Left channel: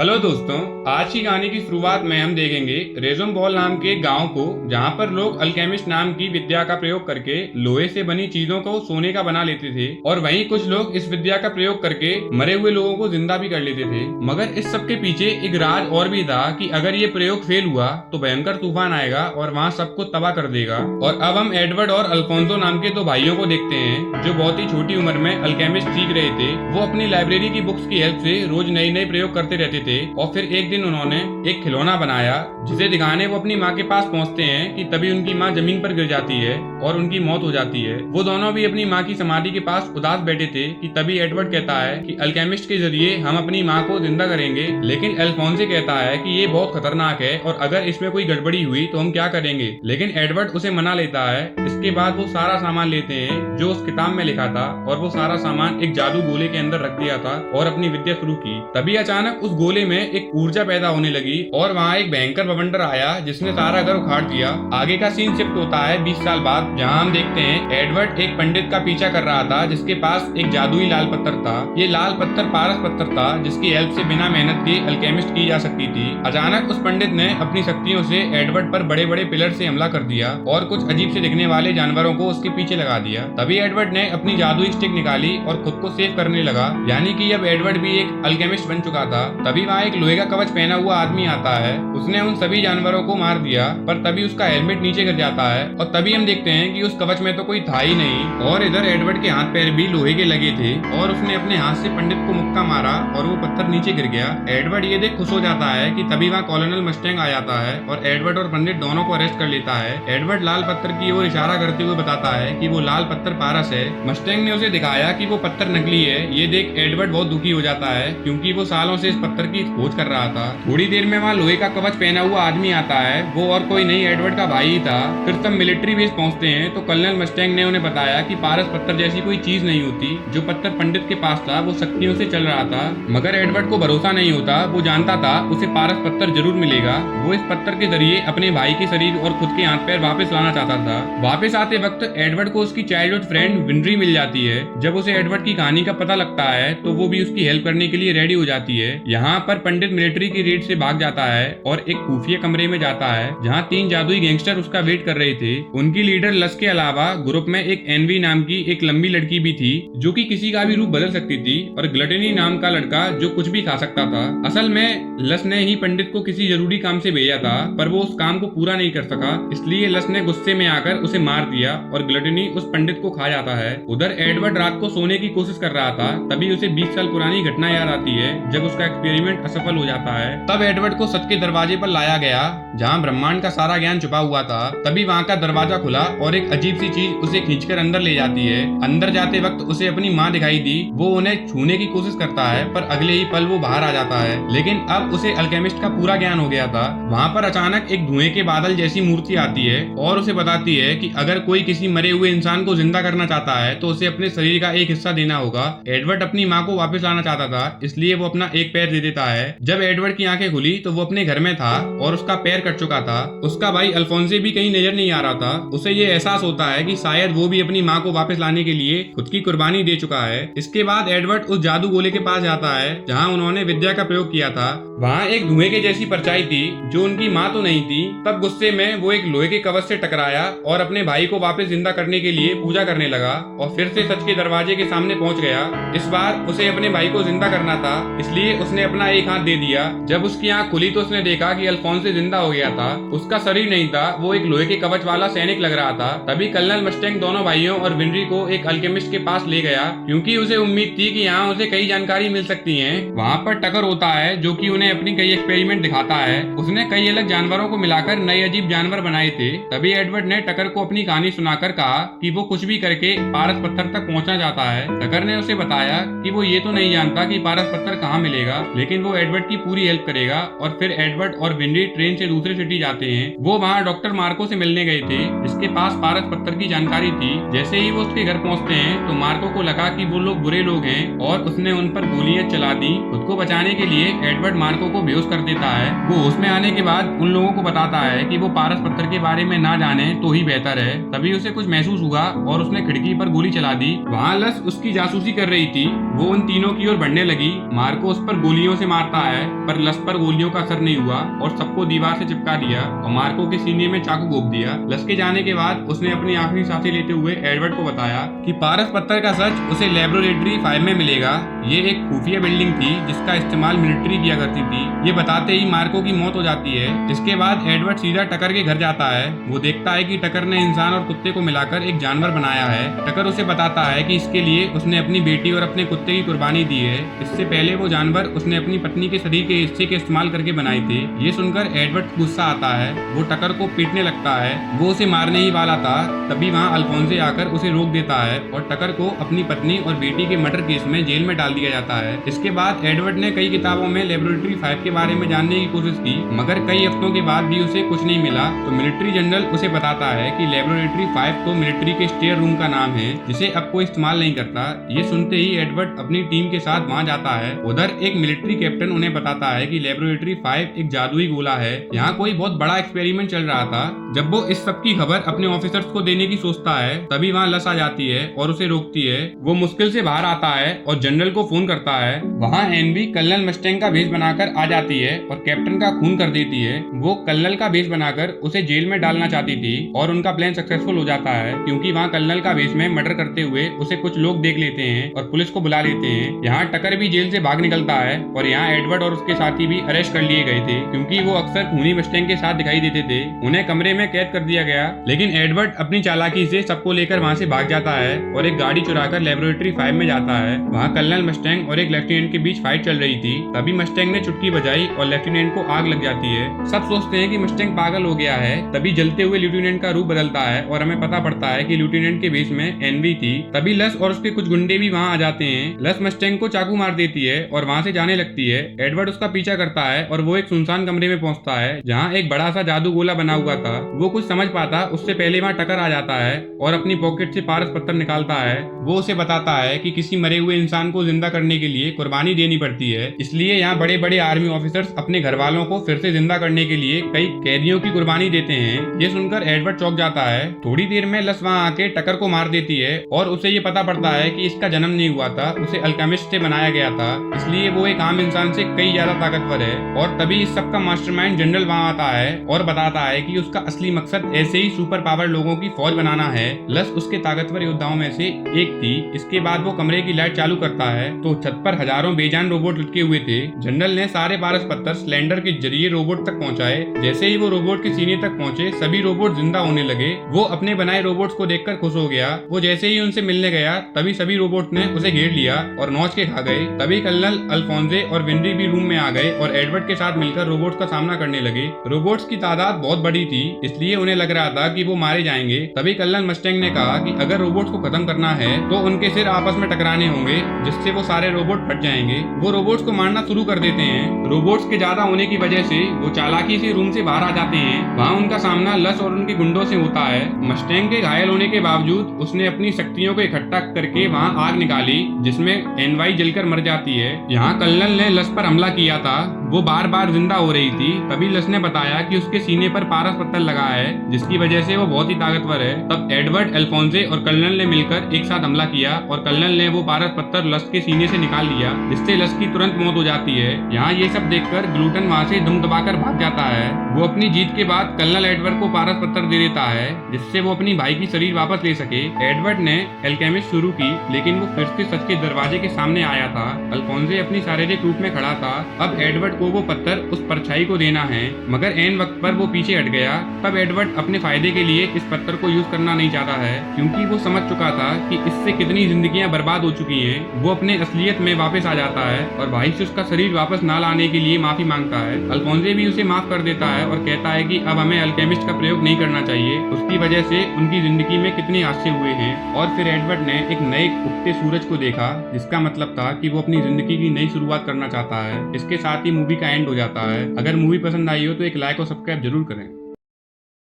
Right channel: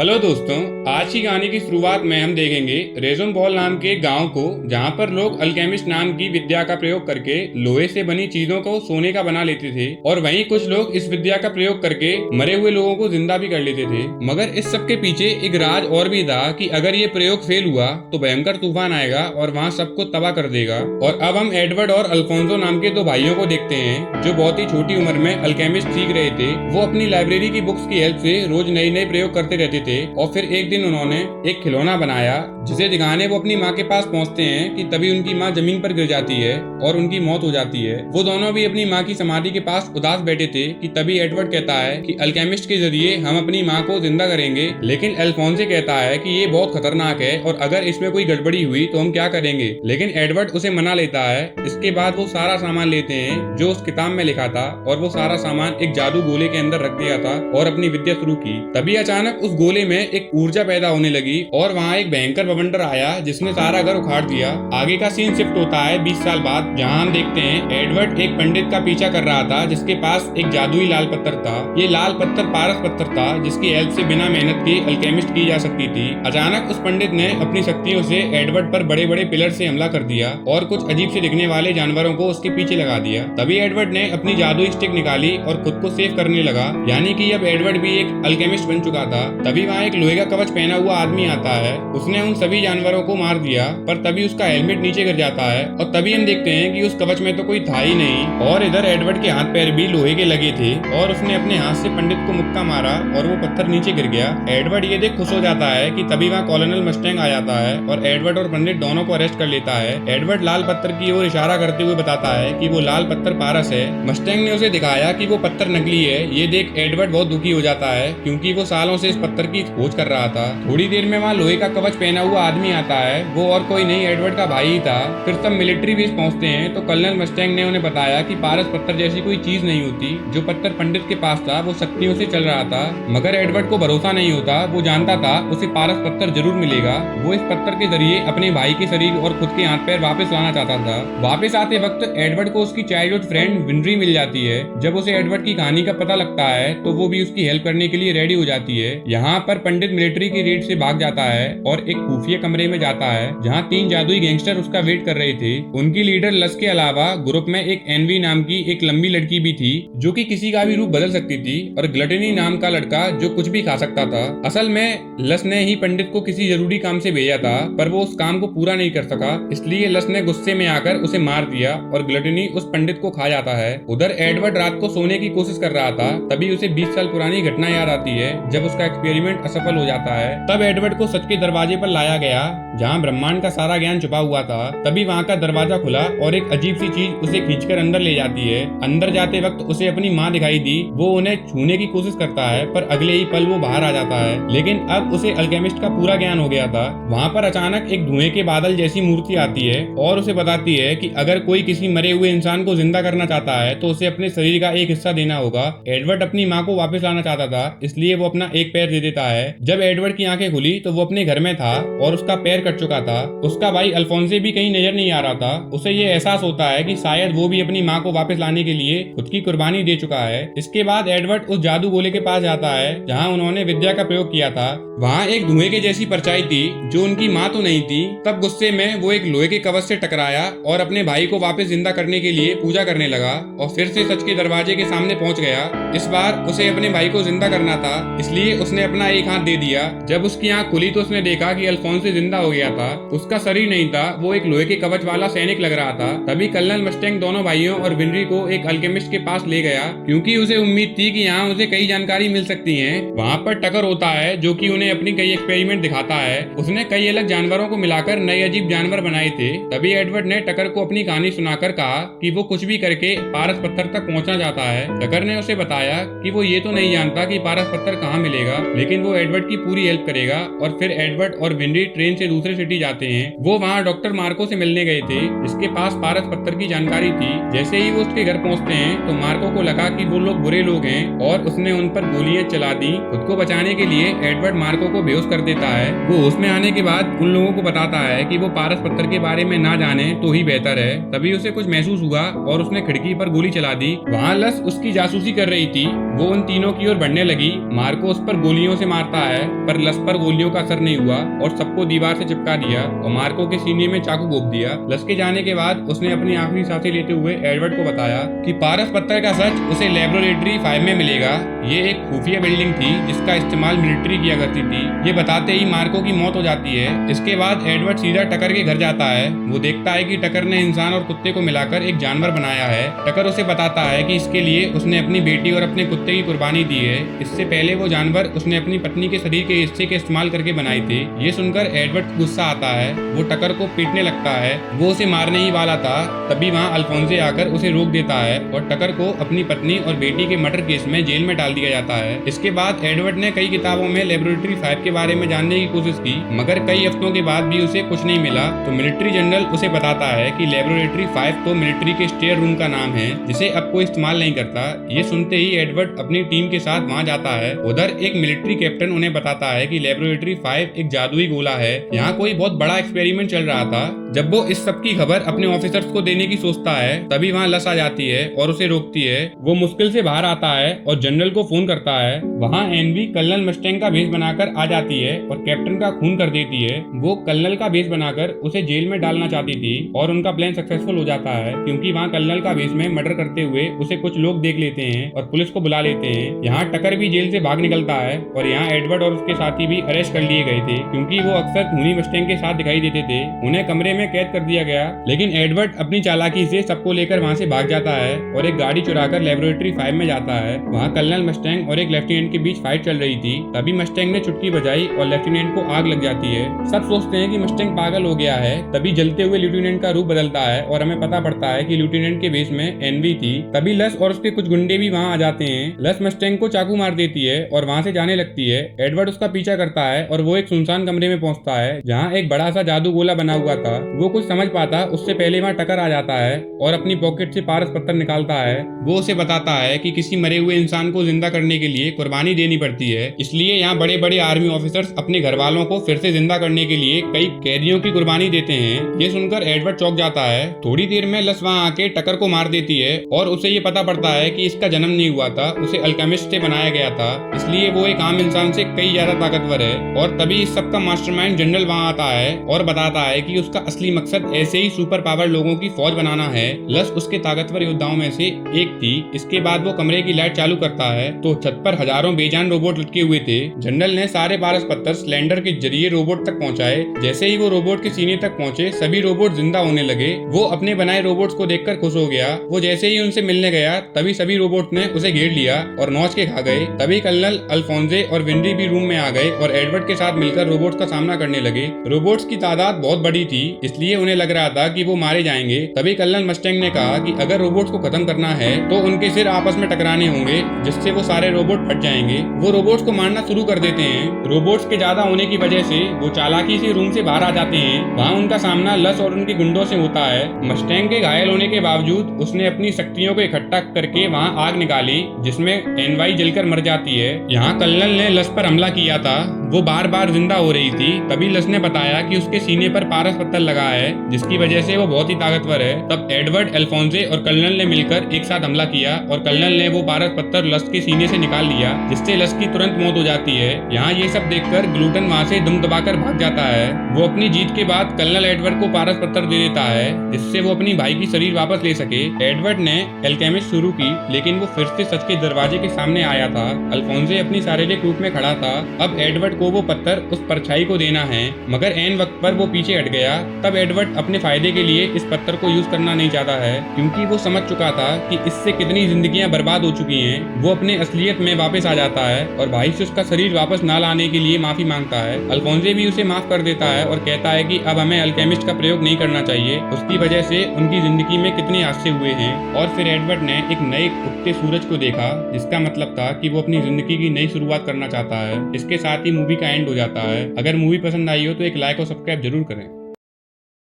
Hello दोस्तों, आज की कहानी की शुरुआत में हम देखेंगे रेजुम बॉल नाम के एक गांव को, जहां पर लोग अल्केमिस्ट नाम की विद्या का प्रयोग करके लोहे से बनी चीजों को सोने का बना लेते थे और वहीं कुछ लोग इस विद्या का प्रयोग करके मरे हुए लोगों को जिंदा भी कर लेते थे। मगर इस सब के पीछे एक राज और भी था कि अगर ये प्रयोग फेल हुआ तो भयंकर तूफान आएगा और वहाँ सबको तबाह कर देगा। और अब हम एडवर्ड और अल्फोंसो नाम के दो भाइयों को देखते हैं जो बहुत ही छोटी उम्र में अल्केमिस्ट सीख रहे थे। वो अपनी लाइब्रेरी की बुक्स की हेल्प से रोज नए नए प्रयोग करते रहते थे और फिर एक दिन उन्होंने एक खिलौना बनाया जिसे दिखाने वो अपनी माँ के पास पहुँचते हैं कि तभी उनकी माँ जमीन पर गिर जाती है और उनकी मौत हो जाती है। वो दोनों भी अपनी माँ की समाधि के पास उदास बैठे थे कि तभी एडवर्ड कहता है कि अल्केमिस्ट के जरिए हम अपनी माँ को जिंदा करेंगे, लेकिन अल्फोंसे कहता है कि ये बहुत खतरनाक है और अगर इसमें कोई गड़बड़ी हुई तो हम क्या करेंगे। लेकिन एडवर्ड उसे मना लेता है। इसके बाद वो सारा सामान लेते हैं जो उस किताब में लिखा था और वो सारा सामान एक जादू गोले के अंदर रख दिया था और अपनी विद्या शुरू की। तभी अचानक उस गोले में एक ऊर्जा पैदा होने लगी और वहाँ एक भयंकर बवंडर आया जिसने सारा घर उखाड़ दिया। आगे का सीन शिफ्ट होता है 20 साल बाद, जहाँ हम देखते हैं एडवर्ड एक पंडित का पीछा कर रहा था जिसके पास एक जादुई लाल पत्थर था। ये लाल पत्थर पारस पत्थर था जिसकी हेल्प से बिना मेहनत के अल्केमिस्ट की जा सकती थी। अचानक उस पंडित ने अपनी शक्तियों से एडवर्ड पर बड़े बड़े पिलर से हमला कर दिया और कुछ अजीब से दिखने वाले जानवरों को उसके पीछे लगा दिया। तभी एडवर्ड ने अपनी जादुई स्टिक निकाली और खुद को सेव करने लगा, यानी कि अब एडवर्ड भी एक अल्केमिस्ट बन चुका था। तभी वहाँ एक लोहे का कवच पहना हुआ आदमी आता है। उसने उन सभी जानवरों को मार दिया, पर तभी उसका हेलमेट नीचे गिर जाता है और तभी हम देखते हैं कि उस कवच में तो कोई था ही नहीं और इधर एडवर्ड के हाथ पैर भी लोहे के लगे थे और उसने अपने हाथ से पंडित को मुक्का मारा और वो पत्थर नीचे गिर गया। एडवर्ड ये देख खुश हो जाता है कि तभी वहाँ कॉलोनल मस्टैंग आ जाता है और एडवर्ड और पंडित दोनों को अरेस्ट कर लेता है। एडवर्ड लाल पत्थर की ओर इशारा करते हुए बताता है कि वो लाल पत्थर पारस है। मस्टैंग ने उसे दिखाया कि वो पत्थर नकली है। ये देख एडवर्ड बहुत दुखी हो जाता है क्योंकि वो सालों से इस पत्थर की खोज कर रहा था। थोड़ी देर में वहाँ लोहे का कवच पहना हुआ आदमी आता है। वो और कोई नहीं एडवर्ड का भाई ही था। फिर सब मिलिट्री बेस पहुंचते हैं तो कर्नल मस्टैंग ने उन्हें बताया कि पारस पत्थर जैसी कोई चीज नहीं होती। जो पत्थर पंडित के पास था वो शक्तियों से चल रहा था, मगर एडवर्ड को भरोसा नहीं होता। वो जानता था उसे पारस पत्थर जरूर मिलेगा। वो इस पत्थर के जरिए अपने भाई के शरीर और खुद के हाथ पैर वापस लाना चाहता था। वापस आते वक्त एडवर्ड को उसकी चाइल्डहुड फ्रेंड विंड्री मिल जाती है। जब उसे एडवर्ड की कहानी का पता लगता है तो वो भी उसकी हेल्प करने के लिए रेडी हो जाती है। यहाँ पर पंडित मिलिट्री की रेड से भाग जाता है और एक खुफिया कमरे में जाता है जहाँ 3 जादुई गैंगस्टर उसका वेट कर रहे थे। उनकी लीडर लस के अलावा ग्रुप में एक एनवी नाम की एक लंबी लड़की भी थी जो कि किसी का भी रूप बदल सकती थी, और ग्लटनी नाम का लड़का जो कुछ भी खा सकता था। असल में लस ने ही पंडित को किसी जरूरी काम से भेजा था, पर वो उस काम को पूरा नहीं कर सका, इसलिए लस ने गुस्से में आकर उसे मार दिया और ग्लटनी उस पंडित को खा जाता है। उधर एडवर्ड रात को सोने की कोशिश कर रहा था, तभी उसे 20 साल पुरानी घटना याद आती है जब उसका एक्सपेरिमेंट असफल हो जाता है। तब एडवर्ड को सच के दरवाजे पर लाया गया जहाँ ब्रह्मांड का सारा ज्ञान छुपा हुआ था। तभी वहाँ का दरवाजा खुला और एक अजीब सी चीज उसे खींचकर अंदर ले जाती है। अंदर जाते वक्त उसे अपनी माँ दिखाई दी। वो उन्हें छूने की कोशिश करता है, पर अगले ही पल वो बाहर आ जाता है। लेकिन अब उसे अल्केमिस्ट का पूरा ज्ञान हो गया था। वहाँ पर अचानक एक धुएं के बादल जैसी मूर्ति आती है और उसे बताती है कि अगर कोई किसी मरे हुए इंसान को जिंदा करना चाहता है तो उसे अपने शरीर का एक हिस्सा देना होगा। एडवर्ड अपनी माँ को वापस लाना चाहता था, इसलिए वो अपना एक पैर दे देता है। जब एडवर्ड की आंखें खुली तो वो अपने घर में था और उसका पैर कट चुका था। उसका भाई अल्फोंसे भी कहीं नजर नहीं आ रहा था। उसे ये एहसास होता है कि शायद वो भी अपनी माँ को वापस लाने के लिए खुद की कुर्बानी दे चुका है। इसके बाद एडवर्ड उस जादू गोले के पास जाता है जहाँ उन्होंने विद्या का प्रयोग किया था। वहाँ एक धुएं के जैसी परछाई थी जो उनकी माँ तो नहीं थी। तब गुस्से में वो एक लोहे के कवच से टकराया और अपने भाई को वापस जिंदा करने के लिए पूजा करने लगा और फिर से सच के दरवाजे के सामने पहुंच गया। इस बार उसे अपने भाई को जिंदा करना था, इसलिए उसने अपना एक हाथ दे दिया। जब उसकी आंख खुली तो उसने देखा कि अल्फोंसे जिंदा हो गया था। उसका शरीर नहीं था, वो एक लोहे के कवच वाला सैनिक लग रहा था। तभी कर्नल मस्टैंग दोनों भाइयों और विंड्री को एक अल्केमिस्ट के पास ले गया क्योंकि उसे उम्मीद थी कि यहाँ उसे कई जानकारी मिल सकती है। वहाँ पर टकर होता है जो कि उन्हें अपनी कई एक्सपेरिमेंट दिखाता है। उसने कई अलग जानवरों को मिलाकर नए अजीब जानवर बनाए थे। तभी एडवर्ड ने टकर को अपनी कहानी सुनाकर कहा कि वो कुछ भी करके पारस पत्थर तक पहुँचना चाहता है। टकर ने उसे बताया कि वो ये तो नहीं जानता कि पारस पत्थर कहाँ मिलेगा, लेकिन वो एडवर्ड की पूरी हेल्प करेगा। और फिर एडवर्ड और विंड्री ट्रेन से दूसरे सिटी जाते हैं। वो वहाँ डॉक्टर मार्को से मिलने गए थे जिसके पास पारस पत्थर की जानकारी थी। जैसे ही वो उसके घर पहुँचते हैं तो मार्को को लगा कि वो लोग बुरे लोग हैं और उसने उन पर गोलियां चला दी। खुद को बचाने के लिए एडवर्ड मार्को को बेहोश कर देता है। वो होश में आने के बाद उन लोगों को बताता है कि वो पारस पत्थर के बारे में ना जाने तो ही बेहतर है। तभी उसे कुछ महसूस हुआ और उसने खिड़की पर गोली चला दी। वहाँ लस उसकी जासूसी कर रही थी। वो उन तीनों की ओर बढ़ने लगी। मार्को उस पर गोलियों से मारता है, पर लस पर गोलियों का असर नहीं हुआ और सबको दीवार से चिपका दिया और मार्को के सीने में चाकू घोंप दिया। लस के जाने के बाद उसने अपनी आखिरी सांसें लेते हुए एडवर्ड को बताया कि पारस पत्थर का सच उसे लेबोरेटरी 5 में मिलेगा। ये एक खुफिया बिल्डिंग थी जिसका इस्तेमाल मिलिट्री किया करती थी। ये बताते ही मार्को की मौत हो जाती है। इसके बाद एडवर्ड सीधा टकर के घर जाता है। वो देखता है कि टकर ने इंसान और कुत्ते को मिलाकर एक जानवर बनाया है। टकर उसे बताता है कि इसके लिए उसने अपनी बेटी और अपने कुत्ते की कुर्बानी दी है। इससे पहले वो जानवर उसने अपनी पत्नी के शरीर के हिस्से के इस्तेमाल करके बनाए थे। ये सुनकर एडवर्ड को गुस्सा आता है। वो टकर को पीटने लगता है। वो उसे मारने ही वाला था, तभी वहाँ अल्फोंसे आकर उसे रोक देता है और टकर को अपनी पत्नी और बेटी के मर्डर केस में जेल में डाल दिया जाता है। इसके बाद एडवर्ड ने कई किताबों में लेबोरेटरी 5 के बारे में जानने की कोशिश की, मगर कई हफ्तों के बाद भी उसे कुछ नहीं मिला। तो मिलिट्री जनरल उसे बताता है कि लेबोरेटरी 5 तो मिलिट्री के स्टेयर रूम का नाम है जिसे अब कोई इस्तेमाल नहीं करता। ये सुनते ही एडवर्ड अपनी टीम के साथ वहाँ जाता है। उधर एक मिलिट्री कैप्टन उन्हें बताता है कि लेबोरेटरी 5 एक जादुई गोला है। यहाँ कोई बहुत बड़ा एक्सपेरिमेंट चल रहा था। जब वो इस सब की खबर अपने ऑफिसर्स को देने की सोचता है, तभी वहाँ लस आ जाती है और उसे रोकती है। वो मुश्किल से बाहर आता है और जनरल को फोन करता है। वहाँ एनवी कर्नल मस्टैंग का भेष बनाकर आ जाती है और कैप्टन का खून कर देती है। वो कर्नल का भेष बनाकर उसे जेल में डालना चाहती थी और उनका प्लान सक्सेसफुल हो जाता है, क्योंकि वहाँ कर्नल का भेष में मर्डर करते हुए उसे कुछ लोग देख लेते हैं और पुलिस को बुला लेते हैं। यहाँ टकर भी जेल से भाग निकलता है और यहाँ एडवर्ड और उसके साथी भी अरेस्ट कर लिए गए थे, क्योंकि वो अक्सर खूनी मस्टैंग के साथ दिखाई देते थे। उन्हें कमरे में कैद कर दिया गया, लेकिन एडवर्ड अपनी चालाकी से सबको लेकर वहाँ से भाग जाता है और एक गाड़ी चुराकर लेबोरेटरी 5 में जाता है। वहाँ कर्नल मस्टैंग और एक लेफ्टिनेंट के बीच फाइट चल रही थी। तभी मस्टैंग ने चुटकी बजाई और लेफ्टिनेंट को आग लग जाती है। सब सोचते हैं कि मस्टैंग पागल हो गया है। तभी जलते हुए लेफ्टिनेंट का रूप बदलता है और हमें पता पड़ता है कि लेफ्टिनेंट के भेष में एनवी थी। तभी लस और उसके कुछ गुंडे भी वहाँ आ जाते हैं। लस मस्टैंग को चाकू मार देती है और वहाँ से जाने लगती है। एडवर्ड उसका पीछा करता है और वो एक सुनसान कमरे में पहुंचता है जहाँ एक बड़ा सा जादू गोला बना हुआ था। वो कुछ समझ पाता उससे पहले वहाँ टकर आ जाता है और अपनी पॉकेट से पारस पत्थर निकालता है। वो उसे बताता है कि किसी मरे हुए इंसान को जिंदा करने के लिए कुर्बानी देनी पड़ती है, इसलिए यहाँ बड़े बड़े आर्मी ऑफिसर्स अपने घर वालों को फिर से जिंदा करने के लिए कई कैदियों की कुर्बानी देते हैं। ये सुनकर एडवर्ड चौंक जाता है। थोड़ी देर में लस वहाँ आके टकर को मार देती है और उसे ये पता पड़ता है कि इसका जन्म नहीं हुआ था, उसे अल्केमिस्ट से बनाया गया था, इसलिए वो एक आम इंसान से कई ज्यादा ताकतवर है। और तभी इस सब का मास्टरमाइंड जनरल वहाँ आता है और बताता है कि उसका असली मकसद ऐसे ही सुपर पावर लोगों की फौज बनाना है। लस उसके ताकतवर योद्धाओं में से एक थी। इसके बाद वो कमरे की लाइट चालू करता है तो छत पर हजारों बेजान रोबोट लटके हुए थे। जनरल ने सारे पारस पत्थर सिलेंडर के जरिए रोबोट तक पहुंचाए। जैसे ही वो रोबोट के सीने तक पहुंचे, सभी रोबोट जिंदा होने लगे। वो अपने बनाए रोबोट्स को देखकर खुश हो गया। वो जैसे ही उनसे मिलने गया, तभी सभी रोबोट ने उसे घेर लिया और नौच के खा गए। तभी कर्नल अल्फोंसे और विंडी भी रूम में आ गए और एडवर्ड के साथ मिलकर रोबोट्स का सामना करने लगे। रोबोट्स की तादाद बहुत बड़ी थी, इसलिए उन्हें लग रहा था कि वो मारे जाएंगे। तभी कर्नल मस्टैंग ने कहा कि अगर रोबोट्स को खत्म करना है तो उनके सिर आपस में टकराने होंगे, जिससे वो सारे रोबोट फट जाएंगे। वो रोबोट्स को मारना शुरू कर देते हैं। रोबोट्स के ज्यादा होने की वजह से वो चालाकी से रूम से बाहर आ जाते हैं। वहाँ उनका सामना लस और उनके गुंडों से होता है। मस्टैंग के घायल होने के बावजूद उसने अपनी शक्तियों को इकट्ठा करके वहाँ आग निकाली, जिसमें एनवाई जलकर मर जाती है। यहाँ कर्नल ने लस पर हमला किया था। वो बार बार जिंदा हो रही थी। तभी लस ने बताया कि उसके सीने पर पारस पत्थर लगा है, जिसकी वजह से वो बहुत ही ताकतवर है। तब एडवर्ड, अल्फोंसे और कर्नल ने मिलकर एक साथ हमला किया और कर्नल ने वो पारस पत्थर लस के सीने से निकाल लिया, जिससे लस की तुरंत मौत हो जाती है। यहाँ ये सब देखकर ग्लूटन वहाँ से दुम दबाकर भाग जाता है। वो अपनी जीत के बाद कर्नल एडवर्ड को पारस पत्थर दे देता है, जिससे वो अपनी भाई की शरीर वापस ले सके। एडवर्ड ने एल्केमिस्ट शुरू की, लेकिन वो फिर से सच के दरवाजे के सामने आया था। अल्फोंसे अपनी शारीरिक रूप में खड़ा था। अब एडवर्ड को वो पत्थर उस परछाई को देना है, मगर एन वक्त पर वो पीछे हट गया। तब एडवर्ड अपने फायदे के लिए इस पत्थर को यूज करना नहीं चाहता है, क्योंकि वो समझ चुका था कि इससे कितनी जिंदगियां बर्बाद हो चुकी हैं। वो अपने असलियत में वापस आ जाता है और भाई से उसका शरीर वापस ना लाने के लिए माफी मांगता है। अल्फोंसे भी उसे माफ कर देता है और कहता है कि अब हमें अल्केमिस्ट का प्रयोग नहीं करना चाहिए, उसकी वजह से उनकी जिंदगी में कितने हादसे हुए हैं। और फिर एडवर्ड ने एक नए उगते सूरज को देखा, जिसका मतलब था कि वो अपनी जिंदगी की नई शुरुआत करना चाहता है। इसके साथ ही मूवी का एंड हो जाता है। अगर मूवी पसंद आई हो तो एक लाइक और सब्सक्राइब जरूर करें।